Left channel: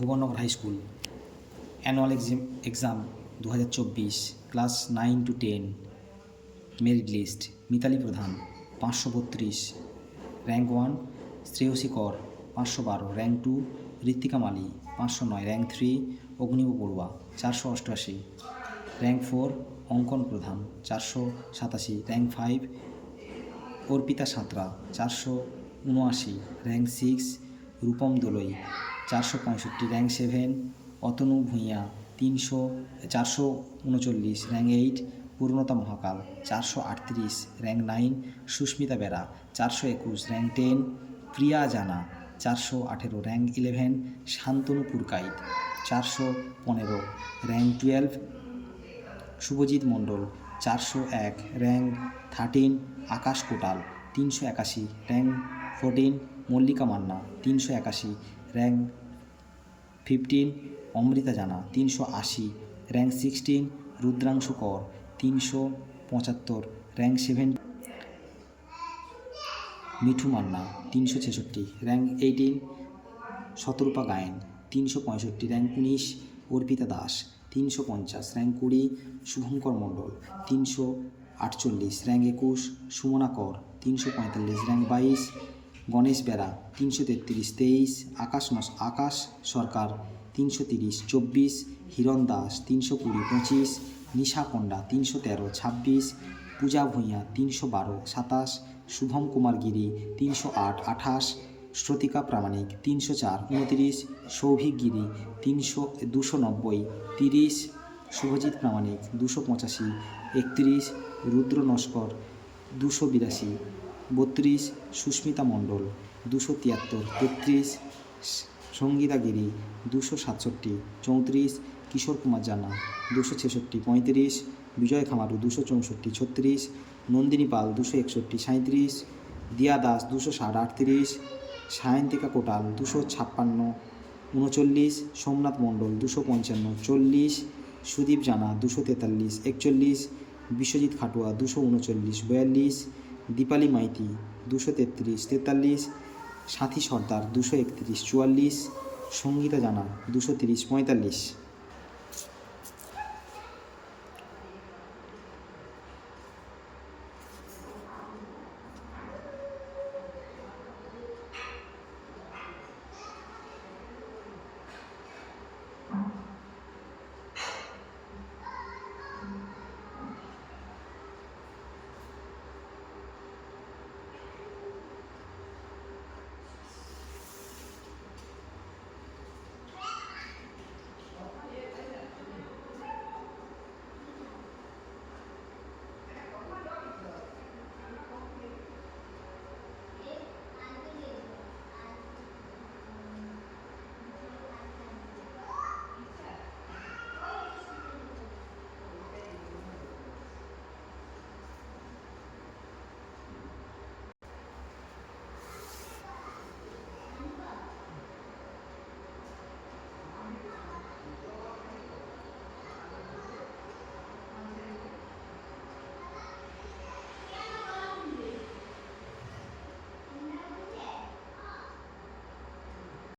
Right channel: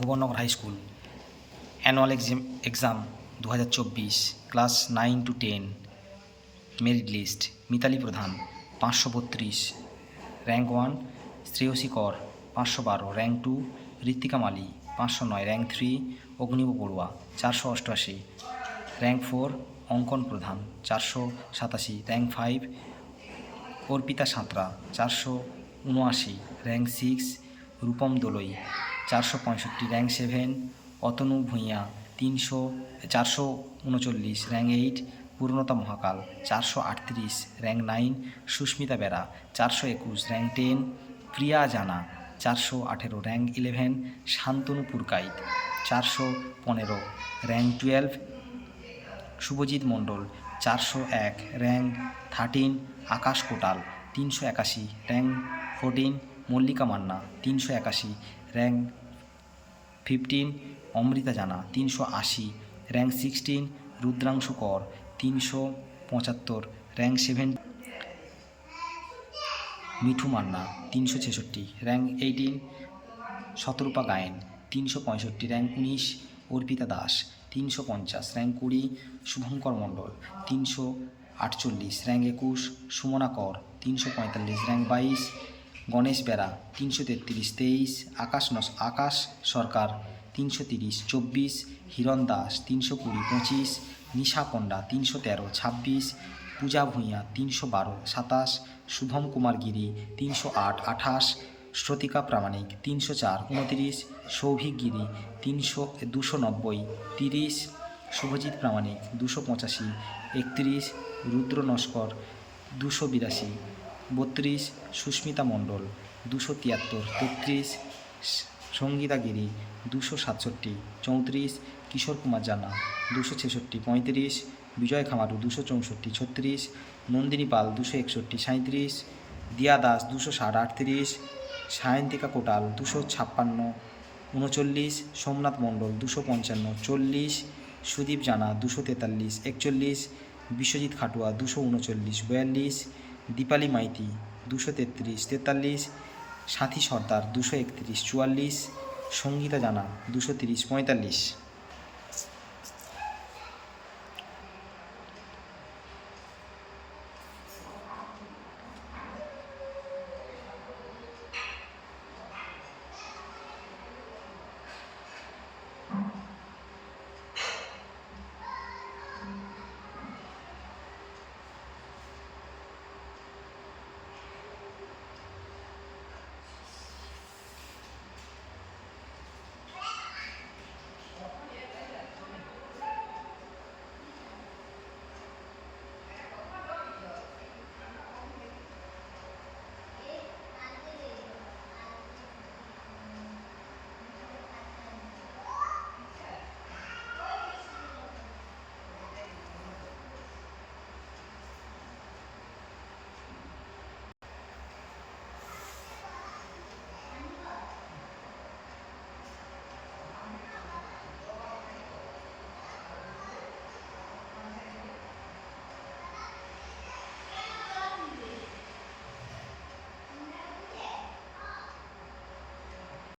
Bhubannagar high school annual exam 2024 class 9 to 10 merit list. Mitali Pradhan 532, rank 1 Shreyasi Kar 512, rank 2 Ritwika Mali 509, rank 3 Agnib Barua 488, rank 4 Ankan Pradhan 487, rank 5 Arpita Santra 479, rank 6 Rupam Doloi 465, rank 7 Atanu Bhuiyan 439, rank 8 Purnata Mahakal 438, rank 9 Susmita Bera 421, rank 10 Priya Jana 418, rank 11 Shantanu Purkait 415, rank 12 Subhajit Mondal 401, rank 13 Akash Kotal 381, rank 14 Mallika Manna 381, rank 15 Amrita জানা 380, rank 16 Rudranshu কর 375, rank 7 Mithu Manna 366, rank 18 শতরূপা Gayen 365, rank 19 Arpita Das 350, rank 20 Shubhankar মণ্ডল 348, rank 21 Sumana কর 345, rank 22 Ganesh Bera 333, 23 আকাশ সরকার 330, 24 হিরণ দাস 320, 25 নিশা পণ্ডা 313, 26 পূজা ভূঁইয়া 312, 27 শুভম কুমার গিরি 308, 28 শ্রতিকা প্রামাণিক 304, 29 সৌভিক গিরি 290, 30 শুভজিৎ প্রামাণিক 285, 31 রুদ্র নস্কর 282, 32 সুস্মিতা মণ্ডল 273, 33 সঙ্গীতা গিরি 267, 34 কিশোর কুমার জানা 266, 35 বিজয় খামারু 264, 36 নন্দিনী পাল 261, 37 দিয়া দাস 260, 38 সায়ন্তিকা কোটাল 256, 39 সোমনাথ মণ্ডল 255, 40 সুদীপ জানা 243, 41 বিশ্বজিৎ খাটুয়া 239, 42 দীপালি মাইতি 233, 43 সাথী সর্দার 231, 44 সঙ্গীতা জানা 230, 45।